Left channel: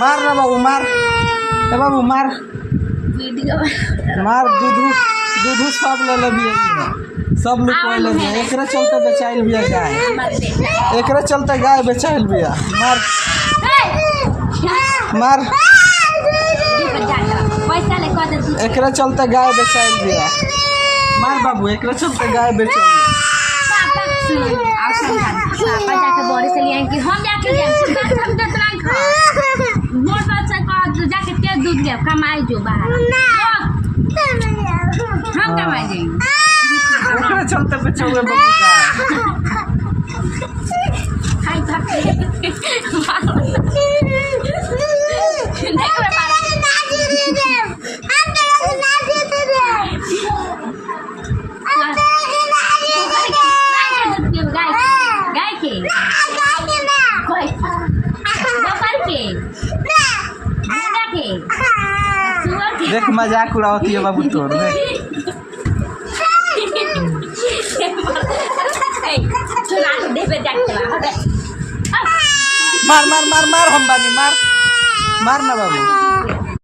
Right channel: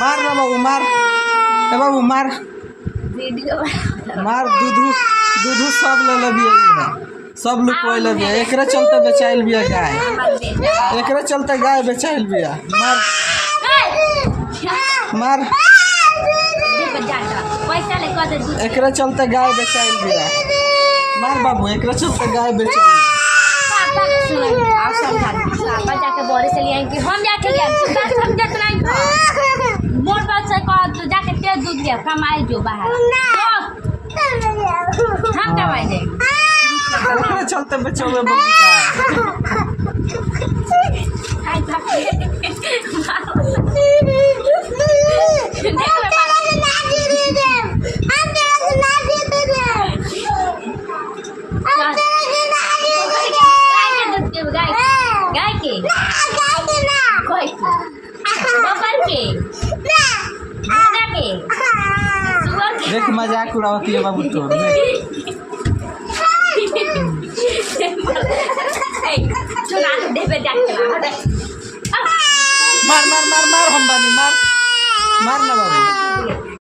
मार ना बाबू मार। ए बाबू मार वीडियो मार। दूधू सब ले लेबिया सब लोग कोई लेबिया। एकरे चलते बेचाइल बिया गाय। एकरे चलते गाय बेचाइल बिया। मार मार। एकरे चलते गाय बेचाइल बिया। मार बाबू एकरे चलते गाय बेचाइल। पापा जाके बोरे से लिए कि हम जाके गए हम कितना खा मोर पास से का जाके तेल दूध ले कमाए जो बाहर हम कमाए देंगे। एकरे चलते बेचोगे बाबू गाय। हाय पापा देख रे पारा गाय के कोई बकर के मेरा के सुअर के। देख मजाक उड़ावती है बाबू तोर। चला दे पे जाके चला हटे। मार मार मार मार हम बानी मार। मार ना बाबू।